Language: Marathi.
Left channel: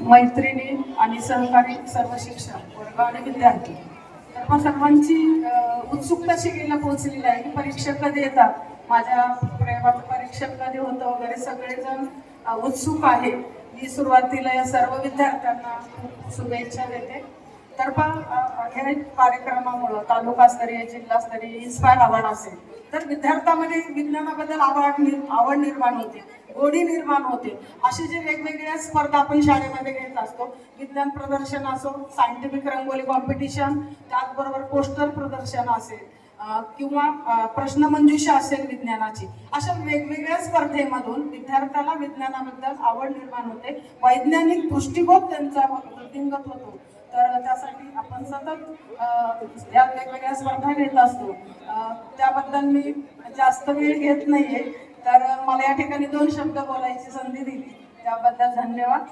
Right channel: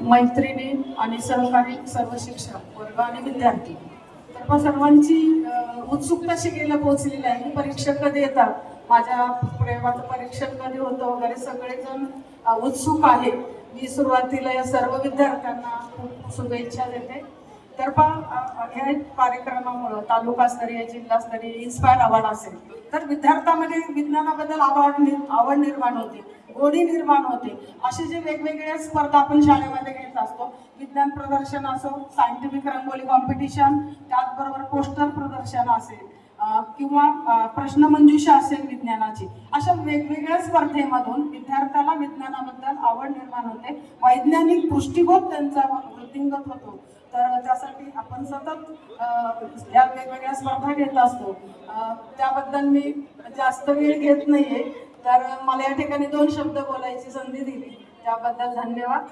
मैत्रिणी आणि सहकारी सर्व शिक्षक वर्ग आणि विद्यार्थी सर्वांची उत्सुकता शिकेला पोहोचलेली आहे. परीक्षा कधी येतात, माझ्या पुढे माझं परीक्षण कधी होतं वगैरे सगळेजण उत्सुक आहे. मी सुरुवातीला या सर्व विद्यार्थ्यांना खूप शुभेच्छा देते. तर ह्या कार्यक्रमामुळं तालुकास्तरीय जिल्हास्तरीय इन्स्पायर अवॉर्ड असेल तर विद्यार्थ्यामध्ये विज्ञानाबद्दल आवड निर्माण होते, गोडी निर्माण होते. असे जे वेगवेगळ्या स्पर्धा आपण शाळेमध्ये घेत असतो, विज्ञान प्रदर्शन असो, सायंटिफिक रंगोली कॉम्पिटिशन, त्याचबरोबर पोस्टर प्रदर्शन असेल किंवा प्रश्नमंजुषा असेल विज्ञानाची, अशा वेगवेगळ्या स्पर्धेमधून विद्यार्थ्याला विज्ञानाबद्दल आवड निर्माण होते, वैज्ञानिक दृष्टिकोन त्यांचा वृद्धिंगत होतो. तर त्यासाठी आपण सतत या वेगवेगळ्या स्पर्धा घेत असतो. त्याबद्दल मी जास्त वेळ घेत नाहीये, तर मला या ठिकाणी 2 शब्द बोलायची संधी दिली त्याबद्दल धन्यवाद.